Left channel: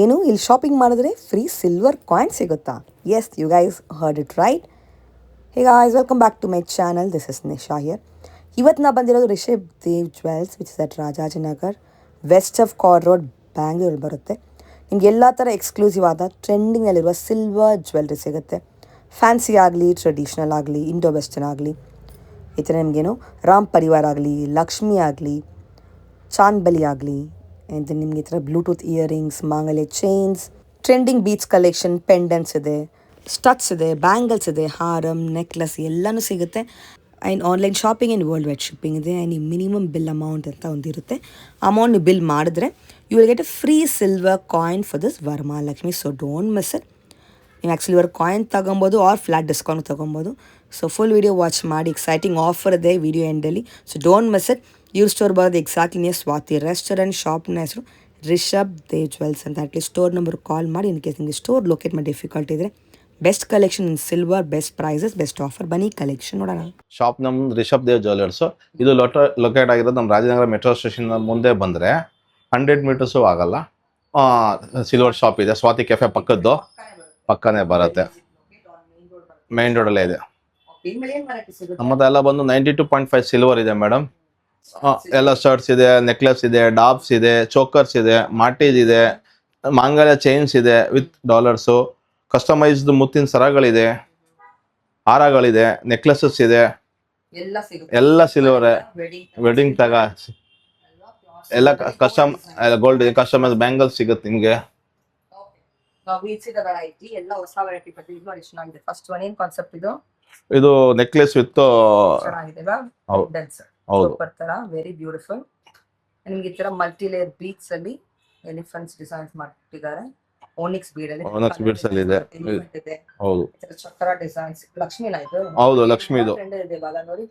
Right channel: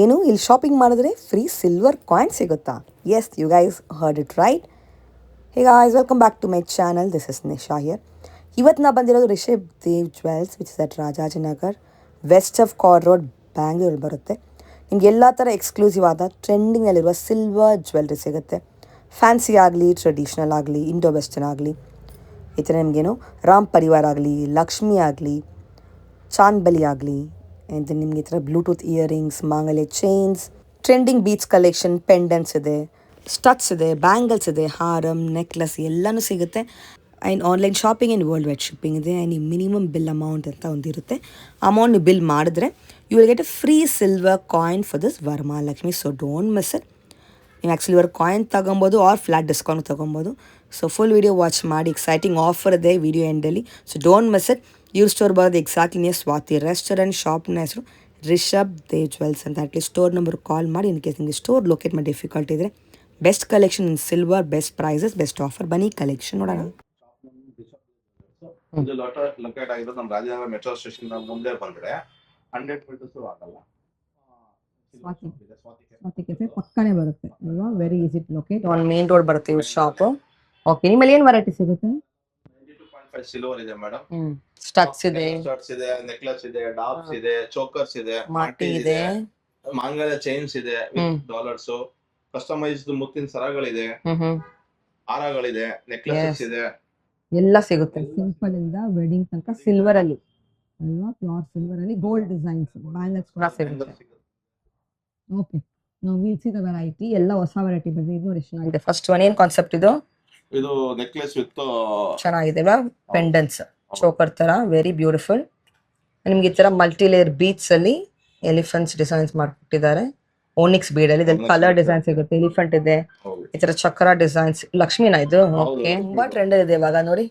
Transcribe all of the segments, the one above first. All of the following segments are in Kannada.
ಏನು ಇಲ್ಲಿ ಶಾಪಿಂಗ್ ಮಾಡಿದ್ರೆ ಫ್ರೀ ಸಿಲ್ವರ್ ಕಾಯಿನ್ ಸಿಗುತ್ತಾ? Yes, you guys heard it right. Hey guys, welcome back to my channel. This is Nisha here. ಇವತ್ತು ನಾ ಬಂದಿರೋದು Rishab Dev jewels, which is at Rajajinagar, West of ಕಾರ್ ರೋಡ್, ಬ್ಯಾಂಗ್ಳೂರಲ್ಲಿ ಬರುತ್ತೆ. ನಿಮ್ಗೆ ಎಲ್ಲ ಥರ ಎಕ್ಸ್ಕ್ಲೂಸಿವ್ ಆದ ಟ್ರೆಂಡಿಂಗಲ್ಲಿರುವ ಸಿಲ್ವರ್ ಜ್ಯುವೆಲ್ರಿ ಸಿಗುತ್ತೆ. ಫ್ಯಾನ್ಸಿ ಆಗಲಿ, ಟ್ರೆಡಿಷ್ನಲ್ ಆಗಲಿ, ಇಂಡೋ ವೆಸ್ಟರ್ನ್ ಆಗಲಿ, ಈ ಥರ ನಿಮಗೇನು ರಾಮ್ ಪರಿವಾರ್ ಆಗಲಿ, ಲಕ್ಷ್ಮಿ ಆಗಲಿ, ಚಾಂದ್ಬಲಿ ಆಗಲಿ, ಆ್ಯಂಡ್ ನಿಮಗೆ ಈ ಥರ ಬ್ಲೂಟೂತ್ ಇಯರಿಂಗ್ಸ್, ಮಾಂಗಲ್ಯ chains, trending beads collection, pendants ಇದೆ, ಸ್ಟಡ್ಸ್ ಇದೆ, ಬ್ಯಾಂಗಲ್ಸ್ ಇದೆ, ಹಾರಮ್, ನೆಕ್ಲೆಸ್ ಎಲ್ಲನೂ ಸಿಗುತ್ತೆ. And online shopping and world wide shipping ಇದೆ. ಆ್ಯಂಡ್ ಈ ಮಿನಿಮಮ್ ಬಿಲ್ ಅಮೌಂಟ್ ಅಂತ ಒಂದಿರುತ್ತೆ. ಅಮೌಂಟ್ ನೀವು ಬಿಲ್ ಮಾಡಿದ್ರೆ you will get a free silver coin for this Varamahalakshmi. So don't miss it. ನೀವು ಆ್ಯಕ್ಚುಲಿ ಇವರು ಕಾಯಿನ್ ತೊಗೊಬೋದು ಆರ್ ಫ್ಲಾಟ್ ಡಿಸ್ಕೌಂಟ್ ತೊಗೊಬೋದು. ಸೊ ಫುಲ್ ವೀಡಿಯೋ ವಾಚ್ ಮಾಡಿ. ಎಕ್ಸೈಟಿಂಗ್ ಆಫರ್ ಇದೆ ವಿಡಿಯೋ ಎಂಡಲ್ಲಿ. So don't miss it. ಇವ್ರ ಸ್ಟೋರ್ ಬರೋದು ಎಕ್ಸಾಕ್ಟ್ಲಿ ನಿಯರ್ ಸ್ವಾತಿ ರೆಸ್ಟೋರೆಂಟ್. ಶಾಪ್ನ ಹೆಸರು ರಿಷಬ್ ದೇವ್ ಜ್ವೆಲ್ಸ್ ಅಂತ. ಅಟ್ಲೀಸ್ಟ್ ಸ್ಟೋರ್ ನಂಬರ್ ಕಾಲ್ ಮಾಡಿ ಇನ್ ಕೇಸ್ ನಿಮಗೆ ಸ್ಟೋರ್ ಲೊಕೇಟ್ ಮಾಡಿ ಡಿಫಿಕಲ್ಟ್ ಇದ್ದರೆ. Best collection in silver, best prices, best offer. ಬನ್ನಿ ಕಲೆಕ್ಷನ್ ನೋಡೋಣ. ಶಾಪ್ ನಮ್ದು ರಿಷಬ್ ದೇವ್ ಜ್ಯುವೆಲರ್ಸ್. ಇದು ಲೊಕೇಟ್ ಆಗಿರೋದು ನಮ್ಮ ರಾಜನಗರ ಮೆಟ್ರೋ ಸ್ಟೇಷನ್ ಮುಂದೆ ಬಂದ್ರೆ 100 ಮೀಟರ್ಸು ಆಗಲ್ಲ. ಸಿಲ್ವರ್ ಶಾಪ್ ಇದೆ, ಸ್ವಾತಿ ಕೆಫೆ ಪಕ್ಕದ್ದು ಪಕ್ಕನೇ ಬರುತ್ತೆ. ಮೇನ್ ರೋಡ್ ಬರುತ್ತೆ, ಮೇನ್ ರೋಡ್ ಅಲ್ಲೇ ಇದೆ. ಓಕೆ, ನಿಮ್ಮಲ್ಲಿ ಏನು ವೆರೈಟಿ ಸಿಗುತ್ತೆ? ನಮ್ಮದೆಲ್ಲ ಬಂದು 92.5 ಸಿಲ್ವರ್ ಇದೆ ಮೇಡಮ್. ಎಲ್ಲ ಸ್ಟಡ್ಸ್ ಇದೆ, ನೆಕ್ಲೆಸ್ ಇದೆ, ಡಾಬ್ಸ್ ಇದೆ, ಚೋಕರ್ಸ್ ಇದೆ, ಮಾಟೇಜ್ ಇದೆ, ಮಾಂಗಲ್ಯ ಚೈನ್ಸ್ ಇದೆ ವಿತ್ ಡಾಲರ್ಸ್, ಕಸ್ಟಮೈಸ್ಡ್ ಮುತ್ತಿನ ಸರಗಳಿದೆ, ಹಾರಗಳಿದೆ, ನೆಕ್ಲೆಸಸ್ ಇದೆ, ಎಲ್ಲ ಸಿಗುತ್ತೆ. ಎಲ್ಲ ಸಿಲ್ವರ್. ವೆಡ್ಡಿಂಗ್ ತಗ ಎಲ್ಲ ಕಸ್ಟಮ್ ಗೋಲ್ಡ್ ಕಸ್ಟಮೈಸ್ ಬ್ಯಾಂಗಲ್ಸ್ ಸಿಗುತ್ತೆ ನಿಮ್ಗೆ. ಎಲ್ಲ ಹೊಸ ವೆರೈಟಿ ಬಂದಿದೆ ನೋಡಿ, ಚೆನ್ನಾಗಿದೆ. ಫಸ್ಟ್ ಒನ್ ಏನ್ ಕಾನ್ಸೆಪ್ಟ್ ಇದು? ಇದು ನೆಕ್ಲೆಸ್ ವಿತ್ ಚೆನ್ನಾಗಿದೆ ಪೆಂಡೆಂಟ್ಸ್, ಚೋಕರ್ ತರ, ವೆರಿ ಬ್ಯೂಟಿಫುಲ್. ನಿಮ್ಗೆ ಈ ತರ ಮಲ್ಟಿ ಲೇಯರ್ ಬೀಟ್ಸ್ ಅಲ್ಲಿ ಎಲಿಫೆಂಟ್ಸ್ ಡಿಸೈನ್ಸ್ ಮಾಡ್ಕೊಟ್ಟಿದ್ದಾರೆ. ಓನಿಕ್ಸ್ ಬೀಡ್ ಅಲ್ಲಿ ಕಲರ್ ಡಿಸೈನ್ಸ್ ಇರುತ್ತೆ, ಎಲಿಫೆಂಟ್ ಇದೆ, ಈ ತರ ಚಕ್ರ ಡಿಸೈನ್ಸ್. ಲಕ್ಷ್ಮಿನ ಇದು? ಹೌದು, ಲಕ್ಷ್ಮಿ. ಟ್ರೆಂಡ್ ಇದೆ ಇವಾಗ ನೋಡಿ,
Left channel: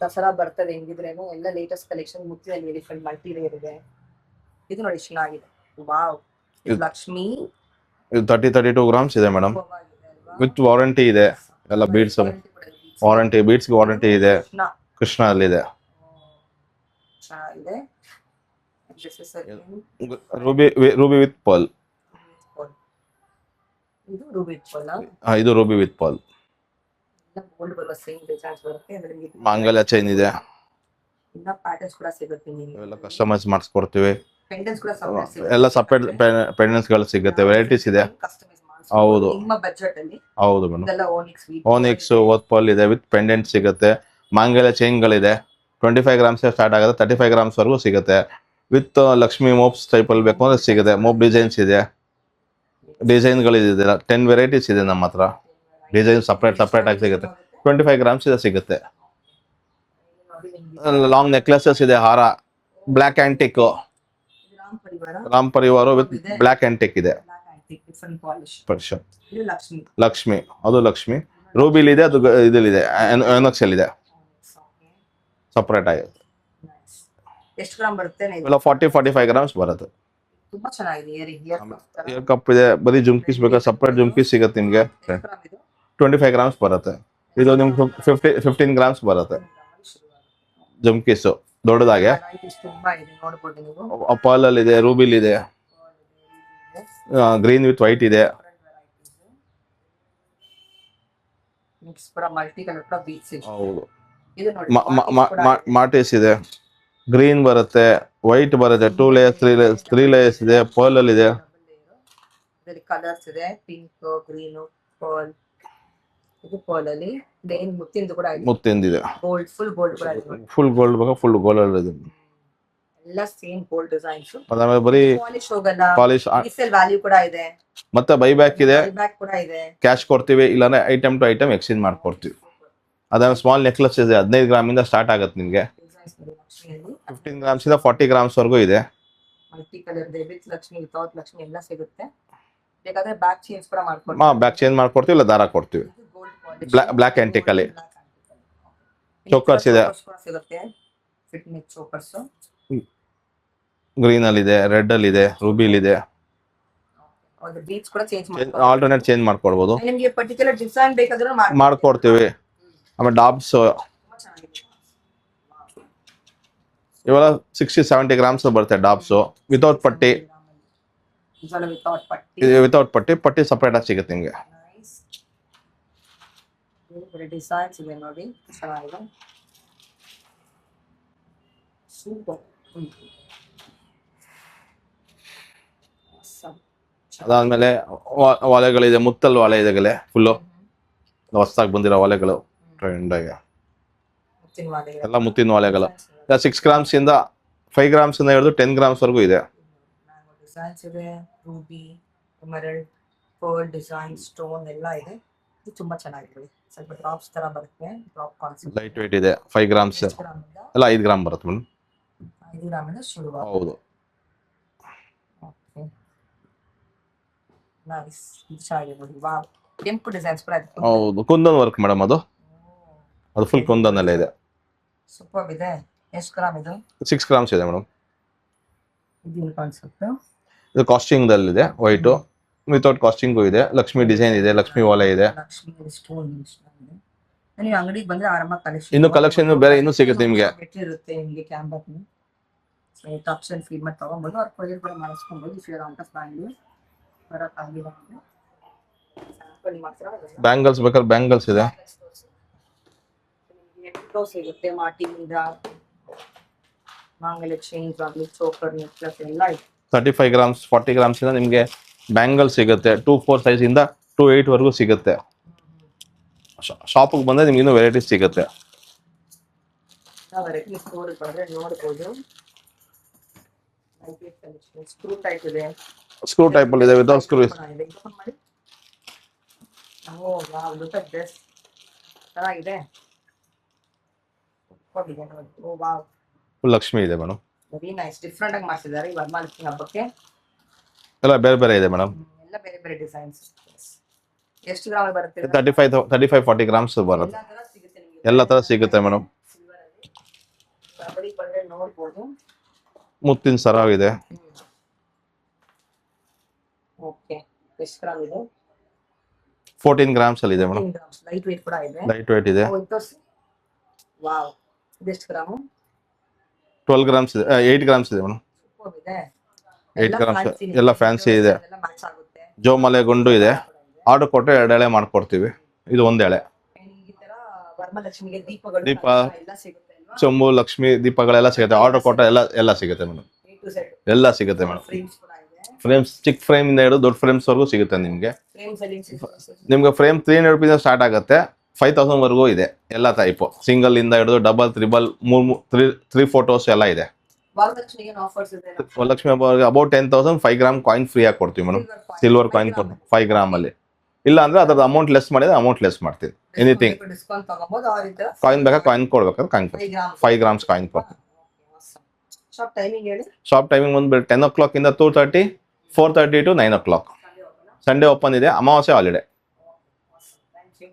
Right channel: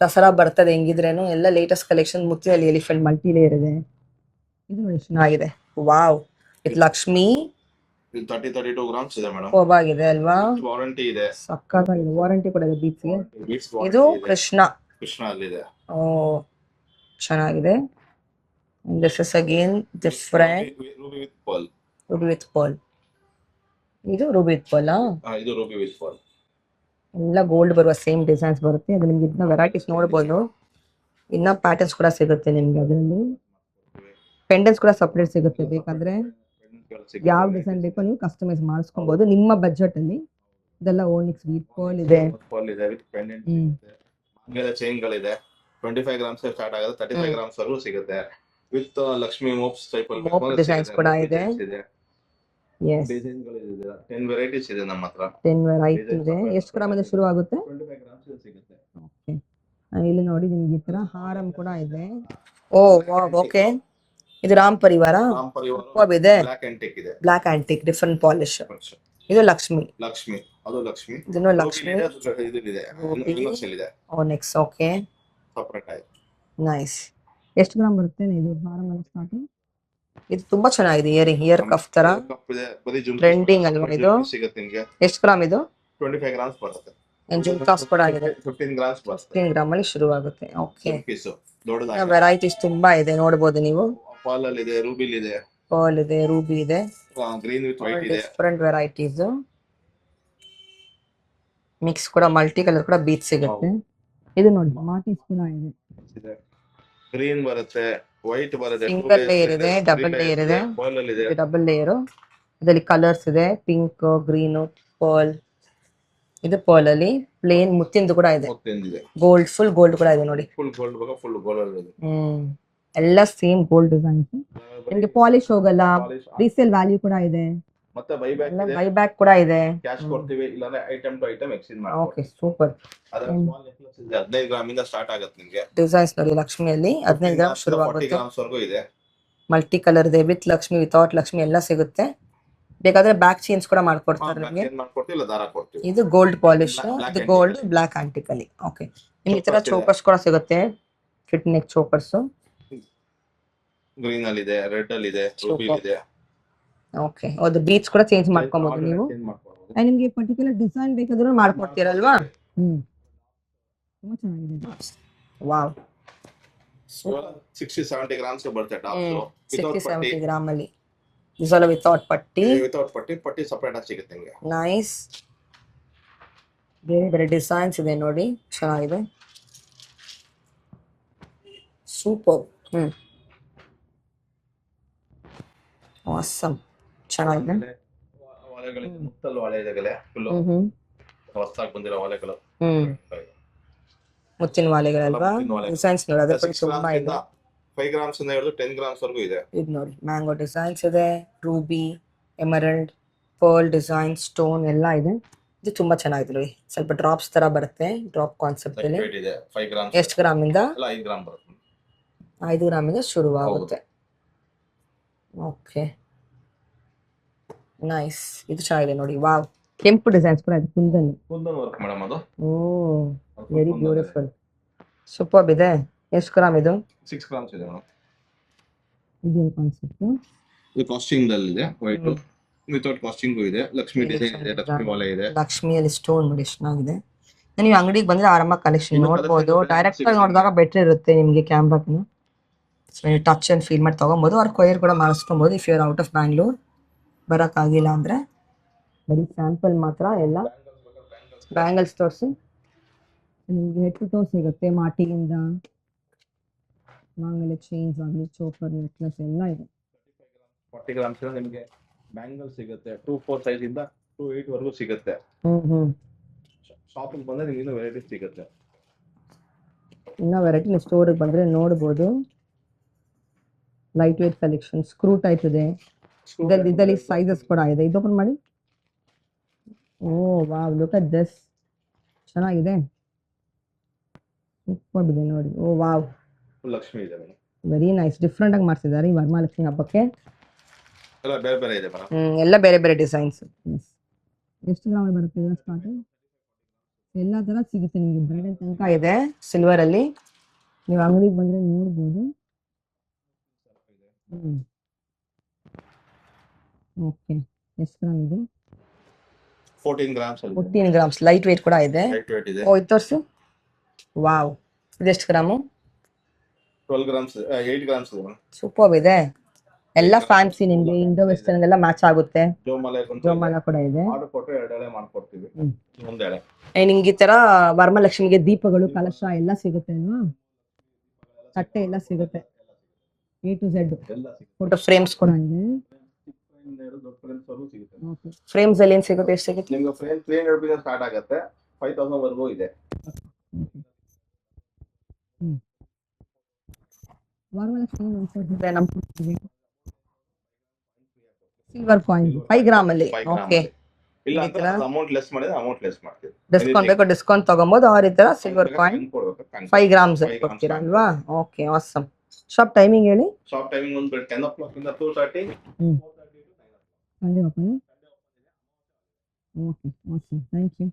ದಸರಾ ಬರ್ತದೆ ಹೆಂಗಿದ್ರೇನು. ಎಲ್ಲ ಲೇಟೆಸ್ಟ್ ಕಲೆಕ್ಷನ್. ಮುತ್ತಿನಲ್ಲಿ ಎಲಿಫೆಂಟ್ ಮಲ್ಟಿ ಲೇಯರ್ ಇದೆ. ಇದು ನೋಡಿ ಚೆನ್ನಾಗಿದೆ. ವಾವ್, ಇದು ಲಕ್ಷ್ಮಿ. ಇದು 32 ಗ್ರಾಮ್ಸ್ ಇದೆ ಮೇಡಮ್. ಹೋಗಿದೆ ಅಲ್ವಾ? ವಿತ್ ವಾರಂಟಿ ಇದೆ. ಎಲ್ಲ ಬೀಡ್ಸ್ ವಾರಂಟಿ ಕೂಡ ಇದೆ. ವಾರಂಟಿ ಬೀಡ್ಸ್ ವಾರಂಟಿ ಇದೆ. ಕೃಷ್ಣ ಅಲ್ಲಿ ಇದೆ. ಓ, ಚೆನ್ನಾಗಿದೆ. This is again different. Ruby with pearl. Ruby with pearl. ಇದು ರೂಬಿ ವಿತ್ ಪರ್ಲ್. ಇದು ರೂಬಿ ವಿತ್ ಪರ್ಲ್. ಎಲ್ಲ ಗೋಲ್ಡ್ ಬರುವ ಸೇಮ್ ಡಿಸೈನ್ಸ್ ಬರುತ್ತೆ. ಅದ್ರಲ್ಲಿ ನಿಮಗೆ ಮಾಂಗಲ್ಯ ಚೈನ್ ಇದೆ. ಇನ್ನ ಪ್ಯಾಟರ್ನ್ಸ್ ಕೂಡ ಸಿಗುತ್ತೆ ನಿಮಗೆ. ಕಸ್ಟಮೈಸ್ ಮಾಡಿಸ್ಕೊಡ್ತೀವಿ. ಪೆಂಡೆಂಟ್ಸ್ ಕೂಡ ಸಪರೇಟ್ ಸಿಗುತ್ತೆ. ಎಲ್ಲ ಸಪರೇಟ್ ಪೆಂಡೆಂಟ್ಸ್ ಗಳು ಸಿಗುತ್ತೆ. ವೆರೈಟೀಸ್ ಇದೆ, ಕಸ್ಟಮೈಸ್ ಮಾಡಿಸ್ಕೊಳ್ಳಬಹುದು ನಿಮ್ಮ ಬಜೆಟ್ ಅಲ್ಲಿ. ಹೌದು ಮೇಡಮ್. ಇದೆಲ್ಲ ಓನಿಕ್ಸ್ ಓತ್ ಪರ್ಲ್ ಇದೆ ವಿತ್ ಪೆಂಡೆಂಟ್ ಸಿಗುತ್ತೆ. ಮಾಂಗಲ್ಯ ಚೈನ್ ಗಳಿದೆ. 25 ಗ್ರಾಮ್ಸ್ ಸ್ಟಾರ್ಟ್ ಆಗುತ್ತೆ, 35 ಗ್ರಾಮ್ಸ್ ವರೆಗೂ ಸಿಗುತ್ತೆ. ವಿತ್ ಲಕ್ಷ್ಮಿ ಮೋಪ್ಸ್ ಟೈಪ್ ಅಲ್ಲಿ ಬೇಕು ಅಂದ್ರೆ ಸಿಗುತ್ತೆ. ಮೋಪ್ ಡಿಸೈನ್ಸ್ ಇದೆ, ಡಿಸೈನ್ ಗಳಿದೆ. 10 ವೆರೈಟೀಸ್ ಇದೆ ನಮ್ಮ ಹತ್ರ. ಡಿಸೈನ್ ಸಪರೇಟ್ ಆಗಿ ಸಿಗುತ್ತೆ. 25 ಗ್ರಾಮ್ಸ್ ಇದೆ ಸಿಗುತ್ತೆ. ಇಲ್ಲಿ ನೋಡಿ ಲಾಂಗ್ ನೆಕ್ಲೆಸಸ್ ಇದೆ, ಹಾರ, ಬ್ಲಾಕ್ ಆಂಟಿಕ್. ಇದು ರಾಮ್ ಪರಿವಾರ ಬ್ಲಾಕ್ ಆಂಟಿಕ್ ಇದೆ. Black antique different polish. ಇದು ಲಕ್ಷ್ಮಿ. ಅದು ಲಕ್ಷ್ಮಿ. ರೂಬಿಲ್ ಇದೆ, ಅದು ಇದಲ್ಲಿದೆ, ಓನೆಕ್ಸ್ ಅಲ್ಲಿ ಇದೆ. ಓನೆಕ್ಸ್, ಓಕೆ, ಸಪರೇಟ್ ಆಗಿದೆ. ನೈಸ್. ಎಷ್ಟು ಗ್ರಾಮ್ ಬರುತ್ತೆ? 40-45 ಗ್ರಾಮ್ಸ್ ಬರುತ್ತೆ. ಇದು ತುಂಬಾ ಚೆನ್ನಾಗಿದೆ. ಇಯರ್ ಕಫ್ ತರ ಕಪ್ ಇದೆ. ಬರೀ ಜುಮ್ಕೀಸ್ ಬೇಕಾ ಸಪರೇಟ್ ಜುಮ್ಕೀಸ್ ಸಿಗುತ್ತೆ ನಿಮಗೆ. ಎಷ್ಟು ಗ್ರಾಮ್ ಇದು? 25 ಗ್ರಾಮ್ಸ್ ಬರುತ್ತೆ. ಇದು ನಿಮ್ಗೆ 15 ಗ್ರಾಮ್ಸ್ ಬರುತ್ತೆ. 15 ಗ್ರಾಮ್ ಅಲ್ಲಿ ಶುರು ಆಗುತ್ತೆ. ಜುಮ್ಕೀಸ್ ದೊಡ್ಡದಾಗಿ ವೆರೈಟೀಸ್ ತುಂಬಾ ಇದೆ, ನೋಡಬಹುದು ನೀವು. ಪರ್ಲ್ ಅಲ್ಲಿ ಇದೆ, ರೂಬಿಲ್ ಇದೆ, ರೂಬಿ ಇದೆ, ಗ್ರೀನ್ ವಿತ್ ವೈಟ್ ಇದೆ. ಡಿಫರೆಂಟ್ ವೆರೈಟೀಸ್ ಮಿಕ್ಸ್ ಕೂಡ, ಮಲ್ಟಿ ಕಲರ್ ಕೂಡ ಬೀಚ್ ಸಿಗುತ್ತೆ. ಇದು ನೋಡಿ ಮಾಟೇಸ್ ಇದೆ. ಗ್ರೀನ್ ಬರುತ್ತೆ, ವೈಟ್ ಬರುತ್ತೆ, 2 ಲೇಯರ್ಸ್ 3 ಲೇಯರ್ಸ್ ಇದೆ. ಪರ್ಲ್ ಅಲ್ಲಿ ಇದೆ, ಡಬಲ್ ಲೇಯರ್. ಇದರಲ್ಲಿ ಕಲರ್ಸ್ ಇದೆ, ಪಿಂಕ್, ಗ್ರೀನ್, ಪರ್ಲ್. ಇದು ಪರ್ಲ್ ಅಲ್ಲಿ ಪ್ಲೇನ್ ಮುತ್ತಿಂದು ಕೂಡ ಇದೆ. ಮುತ್ತಿಂದಿದೆ. ಗೋಲ್ಡ್, ಫುಲ್ ಗೋಲ್ಡ್ ಕೂಡ ಇದೆ ನೋಡಿ. ಫುಲ್ ಗೋಲ್ಡ್ ಬೇಕಾ ಫುಲ್ ಗೋಲ್ಡ್ ಅಲ್ಲಿ ಇದೆ. ಎಲ್ಲ ಸೇಮ್ ಗೋಲ್ಡ್ ಡಿಸೈನ್ಸ್. ಬರೀ ಪಾಲಿಶ್ ಹೋಗಲ್ಲ, ರೀಸೇಲ್ ವ್ಯಾಲ್ಯೂ ಕೂಡ ಇದೆ. ಮತ್ತೆ ಬೈಬ್ಯಾಕ್ ಇದೆ, ಬೈಬ್ಯಾಕ್ ಕೂಡ ಇದೆ. ಕ್ಯಾಶ್ ಕೊಡ್ತೀವಿ, ಇಲ್ಲಾಂದ್ರೆ ಐಟಮ್ ಟು ಐಟಮ್ ಎಕ್ಸ್ಚೇಂಜ್ ಮಾಡ್ಕೊಡ್ತೀವಿ. ಸೂಪರ್. ಅದನ್ನ ಸ್ಮಾಲ್ ನೆಕ್ಲೆಸ್ ಇದೆ, 15 ಗ್ರಾಮ್ ಇಂದ ಸ್ಟಾರ್ಟ್ ಆಗುತ್ತೆ ನಿಮಗೆ. ಡಿಸೈನ್ಸ್ ನೋಡಿ, ಲಕ್ಷ್ಮಿಯಲ್ಲಿ 15 ಗ್ರಾಮ್ಸ್ 40 ಗ್ರಾಮ್ಸ್ ವರೆಗೂ ಇದೆ. ಮಲ್ಟಿ ಕಲರ್ ಇದೆ, ವಿತ್ ಲಕ್ಷ್ಮಿ, ವಿತೌಟ್ ಲಕ್ಷ್ಮಿ ಎಲ್ಲ ಸಿಗುತ್ತೆ. ಬೇಕಾದ್ರೆ ಬ್ಯಾಕ್ ಚೇಂಜ್ ಕೂಡ ಮಾಡ್ಕೊಡ್ತೀವಿ. ಬ್ಯಾಕ್ ಚೇಂಜ್ ಮಾಡ್ಕೊಡ್ತೀವಿ, ಇಲ್ಲ ದಾರ ಕೊಡ್ತೀವಿ. ಇದು ಗೋಲ್ಡ್ ಪಾಲಿಶ್, ಬ್ಲಾಕ್ ಆಂಟಿಕ್ ಅಲ್ಲಿ. ಓಕೆ, ಚೋಕರ್ಸ್ ಕೂಡ ಸಿಗುತ್ತೆ. ಫಿಟ್ ನೆಕ್ ಚೋಕರ್ಸ್ ಗ್ರೀನ್ ಅಲ್ಲಿ ಇದೆ, ರೆಡ್ ಅಲ್ಲಿ ಇದೆ, ರೂಬಿಲ್ ಇದೆ. ಓಕೆ, ಅದು ಬೀಟ್ಸ್ ಕೂಡ ಚೇಂಜ್ ಮಾಡ್ಕೊಂಡು ಆಲ್ಟರ್ನೇಟ್ ಚೇಂಜ್ ಮಾಡ್ಕೊಳ್ಬಹುದು. ನಿಮಗೆ ಪರ್ಟಿಕ್ಯುಲರ್ ಡಿಸೈನ್ ಬೇಕಾದ್ರೂ ಮಾಡ್ಕೊಡ್ತೀವಿ. ಆಮೇಲೆ ಡಾಬ್ಸ್ ತುಂಬಾ ಚೆನ್ನಾಗಿದೆ. ವಾವ್, ಇವೆಲ್ಲ 60-70 ಗ್ರಾಮ್ಸ್ ಬರುತ್ತೆ ಡಾಬ್ಸ್ ವಿತೌಟ್ ಪಟ್ಟಿ. ಗ್ರಾಮ್ ಅಲ್ಲಿ ದಿಸ್ ಆಲ್ ವಿತೌಟ್ ಪಟ್ಟಿ. ವಿತೌಟ್ ಪಟ್ಟಿ ಸಪರೇಟ್ ಆಗಿ ಸಿಗುತ್ತೆ ನಿಮಗೆ. ನೈಸ್. ಬೇರೆ ಬೇರೆ ಡಿಸೈನ್ಸ್ ಇದೆ ನೋಡಿ, ಚೆನ್ನಾಗಿದೆ. ಸೂಪರ್. ಆಸಮ್. ಅದಾದ್ಮೇಲೆ ವಾಲೆಗಳಿದೆ, ಮುತ್ತಲ್ ವಾಲೆ ಇದೆ ಫುಲ್ಲು ಹೊಸದಾಗಿ ಬಂದಿರೋ ವಾಲೆಗಳು. ಮುತ್ತಿನ ವಾಲೆಗಳೆಲ್ಲ, ಮುತ್ತಿನ ವಾಲೆಗಳು 6 ಗ್ರಾಮ್ಸ್ ಇಂದ 5 ಗ್ರಾಮ್ಸ್ ಇಂದ ಹಿಡಿದು 10 ಗ್ರಾಮ್ಸ್ ವರೆಗೂ ಇದೆ. ಇದು ನೋಡಿ ಮ್ಯಾಂಗೋ ಡಿಸೈನ್ಸ್ ಇದೆ, Ruby, emerald, pearl design, stone ಎಲ್ಲ ಇದೆ. ಇದು ತುಂಬಾ ಚೆನ್ನಾಗಿದೆ. ಸ್ವಲ್ಪ ಡ್ರಾಪ್ಸ್ ತರ ಬರುತ್ತೆ, ಡ್ರಾಪ್ ಕಾನ್ಸೆಪ್ಟ್ ಇದೆ. 5 ಗ್ರಾಮ್ಸ್. ಎಷ್ಟು ಗ್ರಾಮ್ ಇಂದ? ಎಲ್ಲ 5 ಗ್ರಾಮ್ ಬರುತ್ತೆ ಮೇಡಮ್. 5 ಗ್ರಾಮ್ ಇಂದ ಶುರುವಾಗುತ್ತೆ. Okay, nice. ಇದು ಚೆನ್ನಾಗಿದೆ ನೋಡಿ. ವಾವ್, ಕೆಂಪು ಡಿಸೈನ್ಸ್ ಕೂಡ ಇದೆ. ಹೌದು, ಕುಂದನ್ ವರ್ಕ್ ಮೇಡಮ್. ಅದು ಫುಲ್ ಕುಂದನಲ್ಲೇ ಇದೆ. ಸೂಪರ್ ಇದೆ. ಎಷ್ಟು ಗ್ರಾಮ್ ಇದು? 6 ಗ್ರಾಮ್ಸ್ ಇದೆ ಮೇಡಮ್. ಇದೇನು ಕಾನ್ಸೆಪ್ಟ್? ಇದು ಕಾಸ್ಟಿಂಗ್ ದಲ್ಲಿದೆ, ವೈಟ್ ವಿತೌಟ್ ಕಾಸ್ಟಿಂಗು ಇದೆ. ಲಕ್ಷ್ಮಿ ಡಿಸೈನ್ ಇದೆ, ಲಕ್ಷ್ಮಿ ವಾಲೆ ಇದೆ. ಲಕ್ಷ್ಮಿಯಲ್ಲಿ ಸ್ಟೋನ್ ನೋಡಿ ಎಷ್ಟು ಚೆನ್ನಾಗಿದೆ. ನೀವು ಅಂಗಡಿಗೆ ಬಂದ್ರೆ ಆರಾಮಾಗಿ ಕಲೆಕ್ಷನ್, ಇನ್ನು ಕಲೆಕ್ಷನ್ ಬೇರೆ ಇನ್ನೂ ಸಿಗುತ್ತೆ ನಿಮಗೆ. ಬೆಟರ್ ಇರುತ್ತೆ ನಿಮಗೆ ಕ್ಯಾಮ್ರಾನು. ಸೊ ನೀವು ಟಚ್ ಅಂಡ್ ಫೀಲ್ ಮಾಡಿ ತಗೊಬೋದು. ಅವ್ರ ಕೊಯರ್ ಕೂಡ ಮಾಡಿಸ್ಕೊಬೋದು. If you are out of Bangalore, ಬರೋಕ್ಕಾಗಿಲ್ಲ ಅಂದ್ರೆ ಬರೀ ಸ್ಯಾಂಪಲ್ ಮಾತ್ರ. ಎಲ್ಲ ಬ್ಯಾಂಗಲ್ಸ್ ಬೇಕಾದ್ರೆ ಬ್ಯಾಂಗಲ್ಸ್ ಇದೆ. ಬ್ಯಾಂಗಲ್ಸ್ ತೋರಿಸಿ. ನಿಮಗೆ ಹೆಡ್ ಟು ಟೋ ಸಿಗುತ್ತೆ. ಮಾಟಿಯಿಂದ ಆಮೇಲೆ ಚೇಂಜ್ ಆಗಲಿ, ಚೋಕರ್, ನೆಕ್ಲೆಸ್ ಎಲ್ಲ ಇದೆ. 35 ಗ್ರಾಮ್ಸ್ 40 ಗ್ರಾಮ್ಸ್ ಇಂದ ನಿಮಗೆ ಬ್ಯಾಂಗಲ್ ಸಿಗುತ್ತೆ. 2-4 ಸೈಜ್ ಇಂದ 2-8 ವರೆಗೂ ಸಿಗುತ್ತೆ. ಶಾಪಿಗೆ ಬಂದ್ರೆ ನಿಮ್ಗೆ ಇನ್ನೂ ವೆರೈಟೀಸ್ ಸಿಗುತ್ತೆ. ಇನ್ನೂ ವೆರೈಟಿ ನೀವು ಸ್ಟೋರಿಗೆ ಬಂದ್ರೆ ನೋಡ್ಬೋದು. Light weight collection, screw type ಇದೆ. ಸ್ಕ್ರೂ ಟೈಪ್ ಇದೆ, ವಿತೌಟ್ ಸ್ಕ್ರೂ ಕೂಡ ಇದೆ. ಇದು ಓಪನ್ ಮಾಡಿ. ಓ ವಾವ್, ಲುಕ್ ಅಟ್ ದಿಸ್. ಚೆನ್ನಾಗಿದೆ, ಸೂಪರ್ ಇದೆ ನೋಡಿ. ಓ ವಾವ್, ಫುಲ್ ಲಕ್ಷ್ಮಿ ಇದೆ ಮೇಡಮ್. Very nice. ಡಿಫ್ರೆಂಟ್ ಆಗಿ ಮಾಡ್ತಿದ್ದಾರೆ ಈ ವರಮಹಾಲಕ್ಷ್ಮಿ ಹಬ್ಬಕ್ಕೆ. ಎಲ್ಲ ಬೇರೆ ಬೇರೆ ಇದೆ ಮೇಡಮ್. ಎಲ್ಲ ಬೇರೆ ಬೇರೆ ಡಿಸೈನ್ಸ್. ಎಷ್ಟು ಗ್ರಾಮ್ ಬರುತ್ತೆ? 35-40 ಗ್ರಾಮ್ಸ್ ಬರುತ್ತೆ. ಎಲ್ಲ ತರ ಸಿಗುತ್ತೆ ನಿಮಗೆ. ಎಲ್ಲ ತರ ಸಿಗುತ್ತೆ ಮೇಡಮ್. ಸಿಲ್ವರ್ ಅಲ್ಲಿ ನೀವು ಅಂಗಡಿಗೆ ಬಂದ್ರೆ ನೋಡ್ಬೋದು. ಮುತ್ತಿನ ಸರ ಇದೆ. ಓಕೆ, ಎಷ್ಟು ಗ್ರಾಮ್ ಇದೆ? 14 ಗ್ರಾಮ್ಸ್ ಅಲ್ಲಿ ಇದೆ ಮೇಡಮ್. 14 ಗ್ರಾಮ್ಸ್. ಲೈಟ್ ವೇಟ್ ಕೂಡ ಇದೆ. ಲೈಟ್ ವೇಟ್ ಇದೆ. ಓ, ಇದು ತೋರಿಸಿ. ವಾವ್, ಇದೆಷ್ಟು ಗ್ರಾಮು? 12 ಗ್ರಾಮ್ಸ್ ಇದೆ. 8 ಗ್ರಾಮ್ಸ್ ಇದೆ ಮೇಡಮ್. ಸೂಪರ್ ಇದೆ. ಎಲ್ಲ ಫ್ಯಾನ್ಸಿ, ಎಲ್ಲ ಫ್ಯಾನ್ಸಿ ಇದೆ. ಎಲ್ಲ ಮ್ಯಾಚ್ ಆಗುತ್ತೆ. ಜೋಮಲೆ ಗುಂಡು ಇದೆ. ಆರ್ಡರ್ ಕೊಟ್ಟರೆ 2 ಎಳೆ ಮಾಡ್ಕೊಡ್ತೀವಿ. ಇದು 1 ಎಳೆ. ನಿಮ್ಗೆ ಈ ತರ ವರಮಹಾಲಕ್ಷ್ಮಿಗೆ ದೀಪಗಳು, ಕಲಶ ಎಲ್ಲ ಸಿಗುತ್ತೆ. ಚೊಂಬು, ಲಕ್ಷ್ಮಿ ದೀಪಗಳೆಲ್ಲ ಸಿಗುತ್ತೆ. ಆರ್ಡರ್ ಕೊಟ್ಟರೆ ಎಲ್ಲ ಸಿಗುತ್ತೆ ಮೇಡಮ್. A to Z ಎಲ್ಲ ಸಿಗುತ್ತೆ ಮೇಡಮ್. ಫ್ರೇಮ್ಸ್ ಕೂಡ ಇದೆ. ಫ್ರೇಮ್ಸ್ ಚಿಕ್ಕ ಫ್ರೇಮ್ ಇಂದ ಹಿಡಿದು ದೊಡ್ಡ ಫ್ರೇಮ್ಸ್ ವರೆಗೂ ಸಿಗುತ್ತೆ ನಿಮಗೆ. ಫ್ರೇಮ್ಸ್ ಅಲ್ಲಿ ಏನ್ ಸಿಗುತ್ತೆ? ಎಷ್ಟು ಸಿಗುತ್ತೆ ನಿಮ್ಗೆ? ಫ್ರೇಮ್ 300 ರೂಪೀಸ್ ಸ್ಟಾರ್ಟ್ ಆಗುತ್ತೆ, 5000 ವರೆಗೂ ಇದೆ. ಎಲ್ಲ ಟೈಪ್, ಸಿಂಗಲ್ ಇಂದ ಹಿಡಿದು ಡಬಲ್, ತ್ರಿಬಲ್, 3 ಫೋಟೋಸ್ ಎಲ್ಲ ಇದೆ. ವರಮಹಾಲಕ್ಷ್ಮಿಗೆ ವರಲಕ್ಷ್ಮಿ ಇದೆ ನಮ್ಮ ವರಲಕ್ಷ್ಮಿ ಹಬ್ಬ ಅಬೌಟ್ 10,000 5 ಗ್ರಾಮ್ ಕಾಯಿನ್ ಫ್ರೀ ಆಗಿ ಕೊಡ್ತೀವಿ ಮೇಡಮ್. ಸಿಲ್ವರ್ ಕಾಯಿನ್ 5 ಗ್ರಾಮ್ ಅಲ್ಲಿ. ಇಲ್ಲ ಅಂದ್ರೆ ಅದ್ರ ಅಮೌಂಟ್ ಲೆಸ್ ಮಾಡಿದ್ರೆ ಅಮೌಂಟ್ ಲೆಸ್ ಮಾಡ್ತೀವಿ. ಡಿಸ್ಕೌಂಟ್ ತಗೊಬಹುದು. ಆ ರೀತಿ ಕಾಯಿನ್ ಬೇಕಾದ್ರೆ ಕಾಯಿನ್ ಕೊಡ್ಬೇಕಾದ್ರೆ 5 grams coin. Okay, awesome. Shop timing ಹೇಳಿ. ಶಾಪ್ ಟೈಮಿಂಗ್ ಬಂದ್ಬಿಟ್ಟು 10 o'clock ಇಂದ 2:30, 4:30 to 9 o'clock. ಸಂಡೇ ಓಪನ್ ಇದೆ, ಅಮಾವಾಸ್ಯೆ holiday. Okay, awesome. Thank you.